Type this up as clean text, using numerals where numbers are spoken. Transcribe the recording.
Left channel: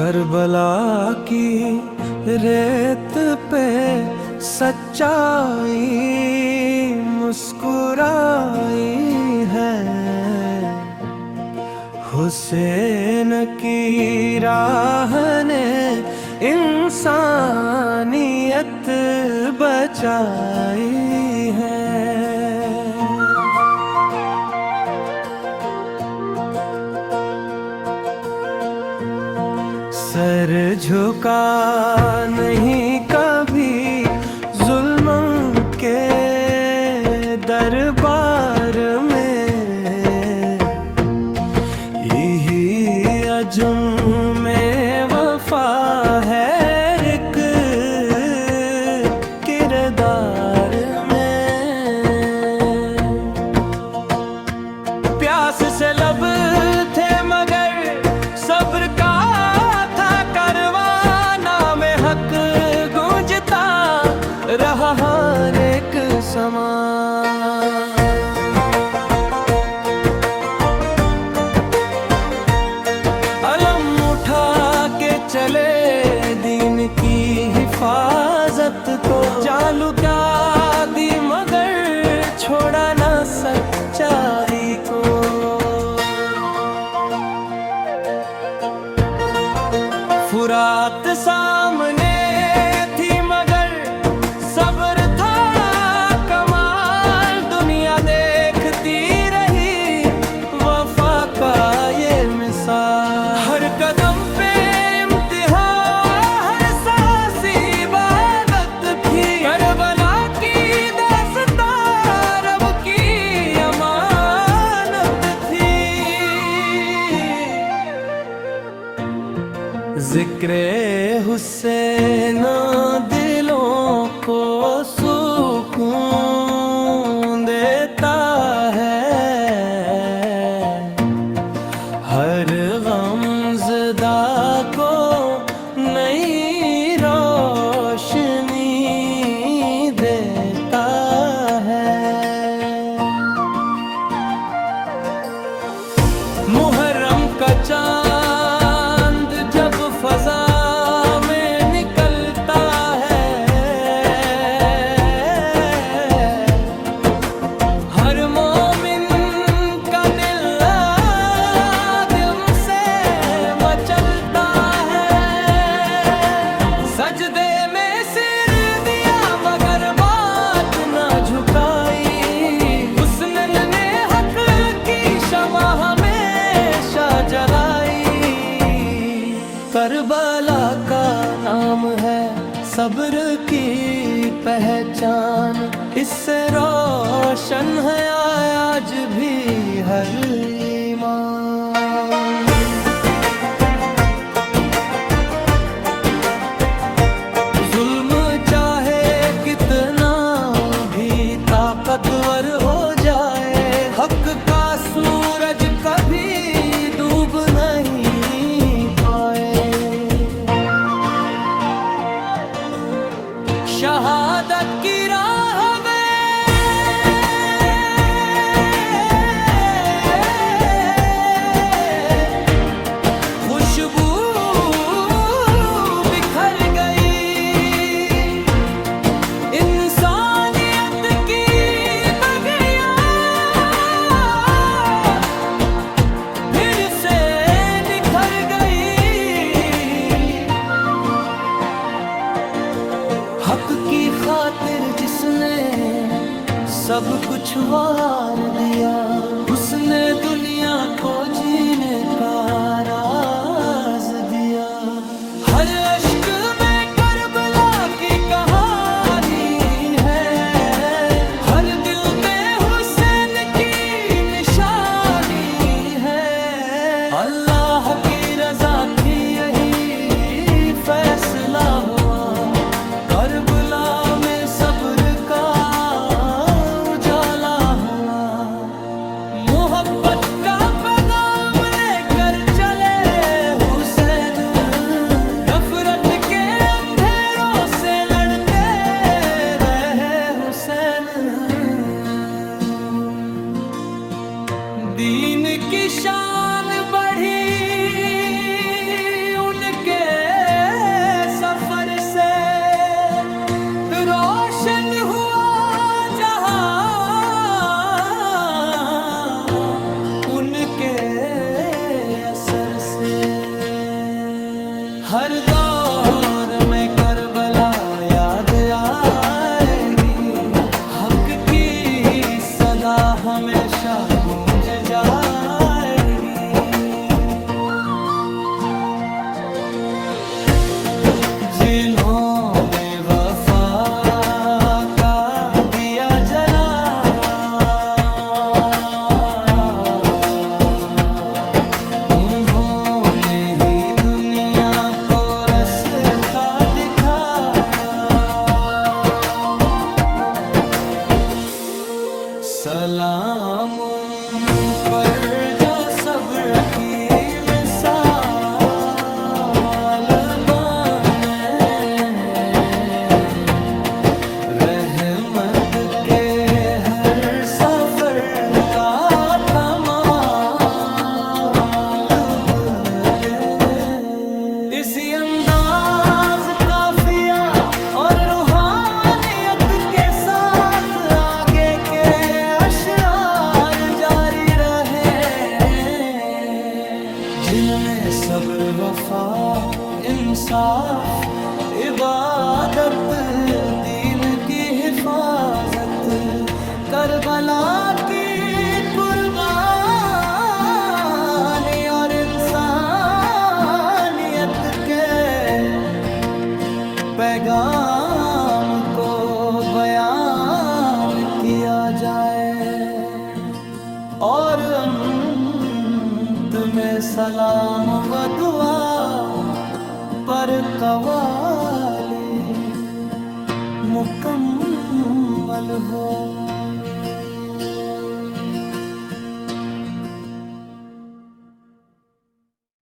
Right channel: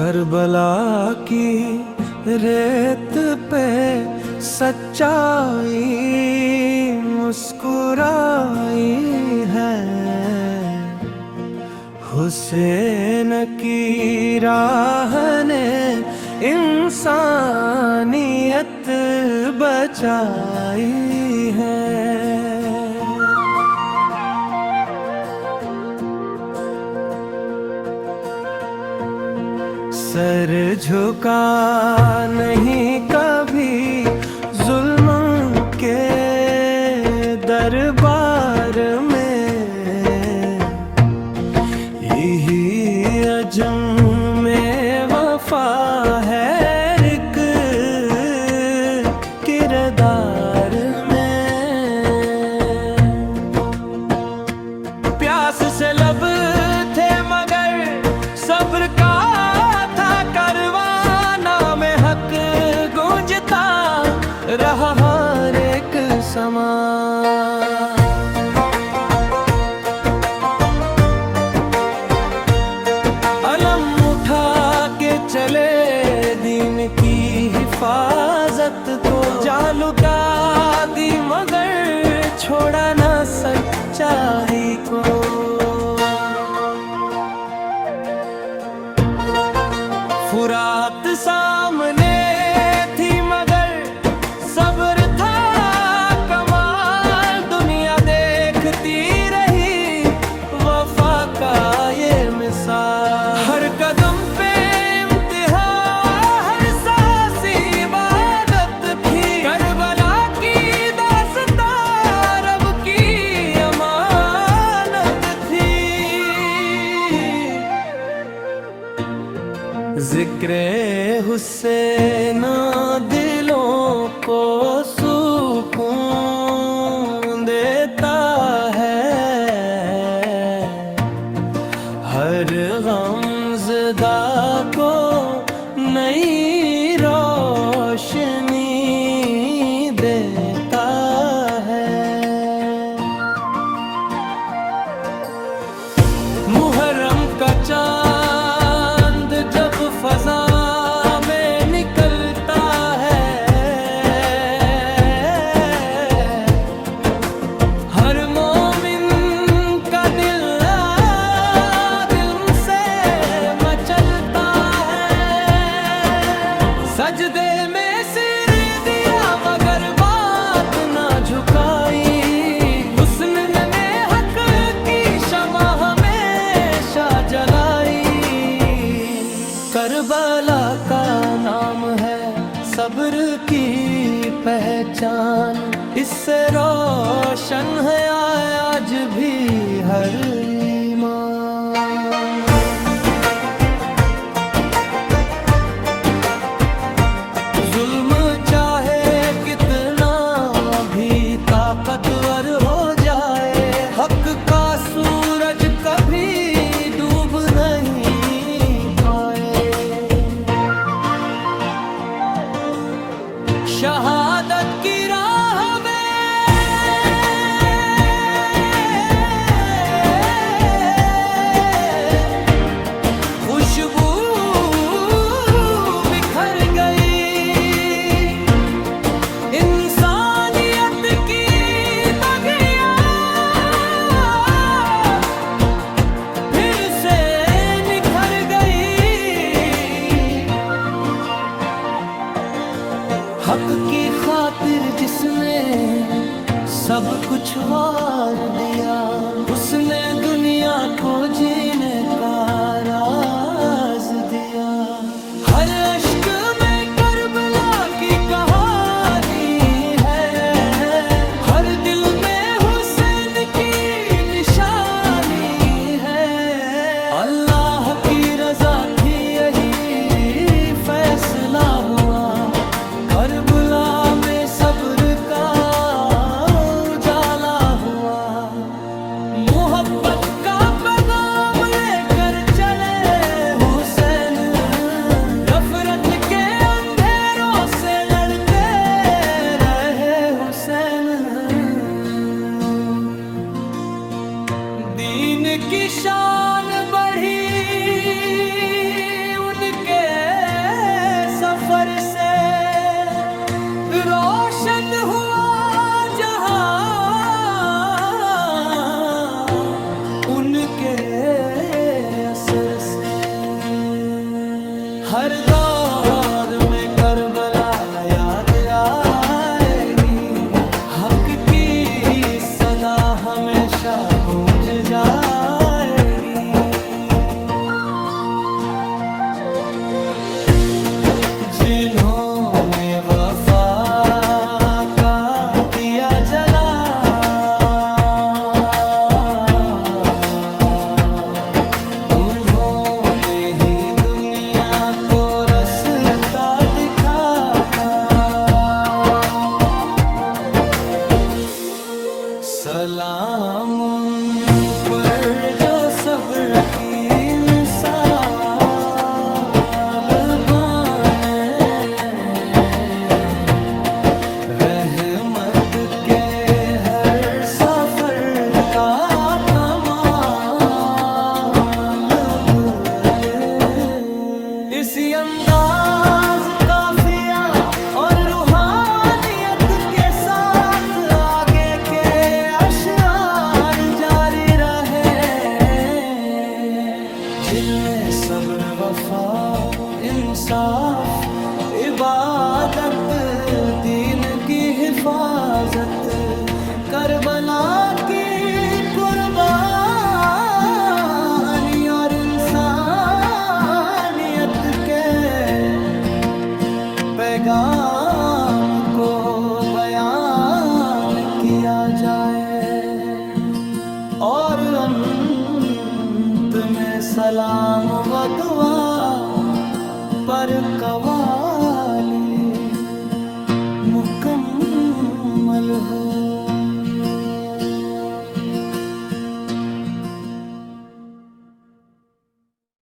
Karbala की रेत पे सच्चाई मुस्कुराई है। हुसैन की राह ने इंसानियत बचाई है। सर झुका नहीं कभी जुल्म के दरबार में, यही अजम में वफा है एक किरदार में। प्यास से लब थे मगर सब्र का हक गूंजता रहा हर एक समा। अलम उठा के चले दीन की हिफाजत को, जालू का दी मगर छोड़ा ना सच्चाई को। फुरात सामने थी मगर सब्र था कमाल, दुनिया देखती रही वफा का ये मिसाल। हर कदम पे इम्तिहान, हर सांस इबादत थी, करबला की दास्तां रब की अमानत थी। जिक्रे हुसैन दिलों को सुकून देता है, हर गमज़दा को नई रोशनी देता है। मुहर्रम का चांद जब फजा में निकलता है, हर मोमिन का दिल दिल से मचलता है। सजदे में सिर दिया मगर बात ना झुकाई, हुस्न ने हक की शमा हमेशा जलाई। करबला का नाम है सब्र की पहचान, इससे रोशन है आज भी हर ईमान। जुल्म चाहे कितना भी ताकतवर हो जाए, हक का सूरज कभी डूब नहीं पाए। शहादत की राह में खुशबू बिखर गई, इंसानियत की बगिया फिर से निखर गई। हक की खातिर जिसने सब कुछ वार दिया, उसने दुनिया को जीने का राज दिया। हर अश्क में करबला की कहानी है, हर दिल में हुसैन की निशानी है। अल्लाह की रजा थी यही फैसला हुआ, करबला में सब्र का उजाला हुआ। मोहब्बत का पैगाम लेकर चले हुसैन, नफरत के अंधेरों से लड़ते रहे हुसैन। दीन की शान बढ़ी उनके से रोशन हुआ जहां उनके असर से। हर दौर में करबला याद आएगी, हक की सदा हमेशा गूंज जाएगी। जिन्होंने वफा का दिया जला, उन्होंने ही दुनिया को रास्ता दिखाया। सलाम उन पर जो सब्र की मिसाल बने, रहमत के हर सफर का कमाल बने। इसी अंदाज काफिया और रूहानियत के साथ आगे के अशआर जारी रहे, जिनमें सब्र, वफा, इंसाफ, इबादत, दीन की हिफाजत, करबला की कुर्बानी और इंसानियत के पैगाम को बयान किया जाए। और अंत में सलाम व दुआ पर कवाली मुकम्मल हो।